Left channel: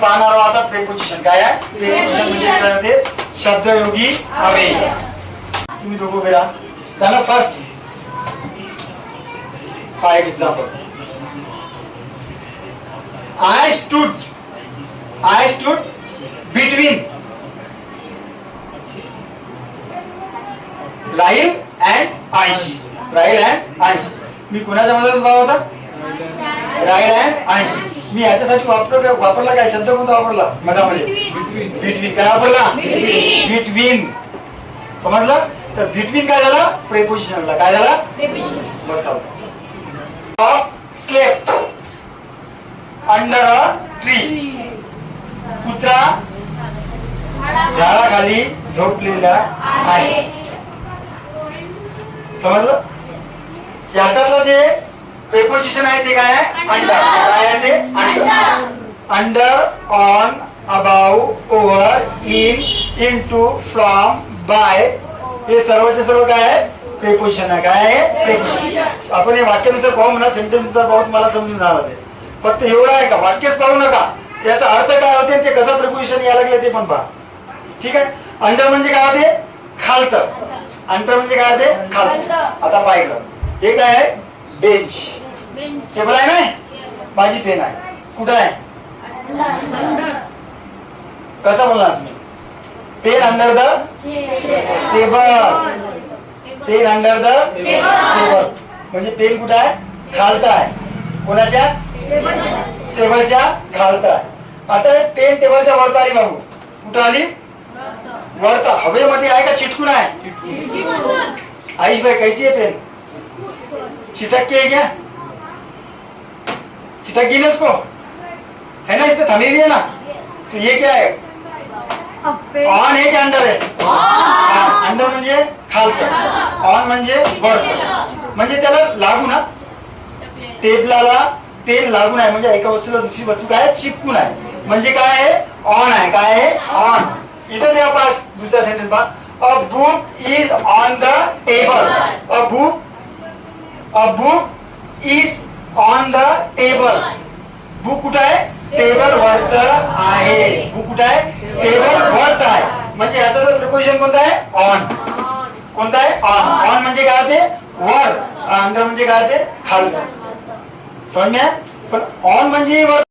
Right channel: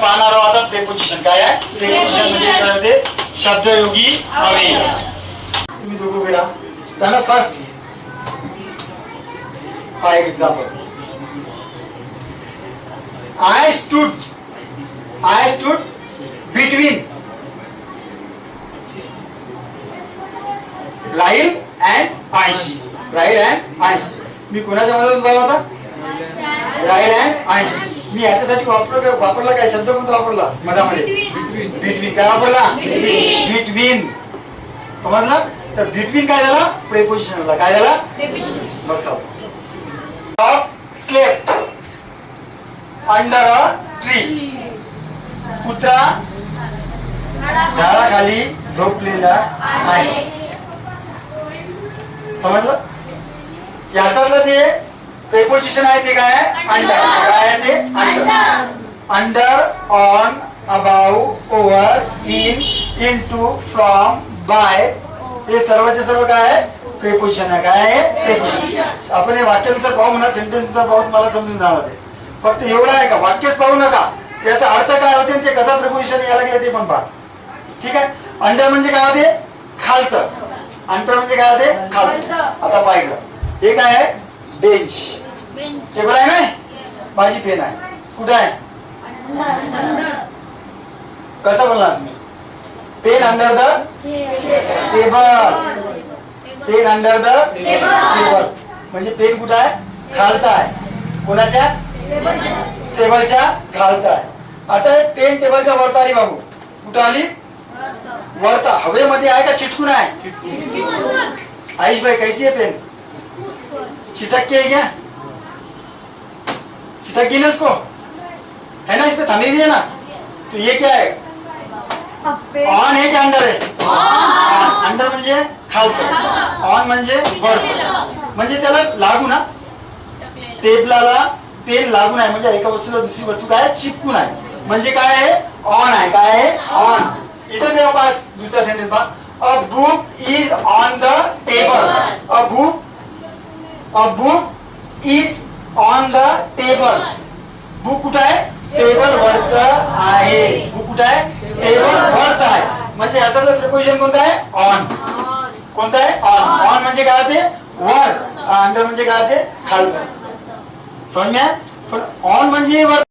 पाहणार आहोत आता प्रेपोजिशन काय आहे. प्रेपोजिशन म्हणजे काय होते, शब्दयोगी अव्यय. तुम्ही दोघं उभे राहा. झालं फर्स्ट. हा एक example. I stood between Rahil and Ansh. मी कोणाच्या मदत उभा होता. राहिल अँड अंश. मी याच्यासाठी वापरला काय शब्द, कोणता वापरला मधामध्ये. बिटवीन. काय वापरला. बिटवीन. समजलं. तर बिटवीन काय झाला, प्रेपोजिशनला काय झाला. मस्त. Slept under a tree. कुत्रा झाडाखाली झोपलेला आहे. समजलं. याचा जे प्रेपोजिशन आहे ते काय आहे, अंडर. काय आहे ते, under. Under, on, about, over, in, into, from, by, हे सर्वचे सर्व काय आहे, प्रेपोजिशन आहे. काय आहे, प्रेपोजिशन. आपण हे वाक्यानुसार पाहू म्हणा, सेंटेन्सनुसार पाहू, तुम्हाला समजून जाणार आहे. फक्त एवढं आहे का, वाक्यच पाहू नका, त्याचा अर्थ काय होते, ते कसा प्रिपोजिशन यायला लागले ते पण पहा. ठीक आहे. अंडर म्हणजे काय होते, खालतं. अंडर म्हणजे काय होते, खालतं. आता पाहिलं हे काय आहे, बेंच. टेबल आहे ना, माझी पेन आहे. कुठे आहे, कसं बोलणार तुम्ही. Pen under the table. Pen under the table म्हणजे पेन कुठं आहे, खालतं आहे. कोणाच्या, टेबलच्या खालतं आहे. आता हे पेन टेबलच्या वरता आली बाबू. कुठं आली, वरता. हवेमध्ये आहे का चिटकून आहे. आयुष भाई कैसी है पेन, चिटक के है क्या, चिटक गई ना उसको, है ना, इस पे थमी भी है ना. तो ये क्या है, ऑन है क्या अंडर है. अंडर म्हणजे खालतं, ऑन म्हणजे वरतं. म्हणजे त्याला लागून ना, टेबलाला पेन लागून आहे. म्हणजे एका वस्तूला दुसरी वस्तू काय चिपकून आहे. म्हणजे काय आहे, ऑन आहे. काय आहे, ऑन. इथे द्या पास दुसऱ्या सेंटेन्स पहा. A book is on the table. A book is on the table. Book कुठं आहे, टेबल वरत आहे. बुक कुठं आहे, टेबल वरत आहे. म्हणजे याचा जर प्रिपोजिशन कोणता आहे, ऑन. कोणता आहे, ऑन. ऑन म्हणजे काय होते, वर. अंडर म्हणजे काय होते, खालतं. समजण्या. पण ऑन म्हणजे वर.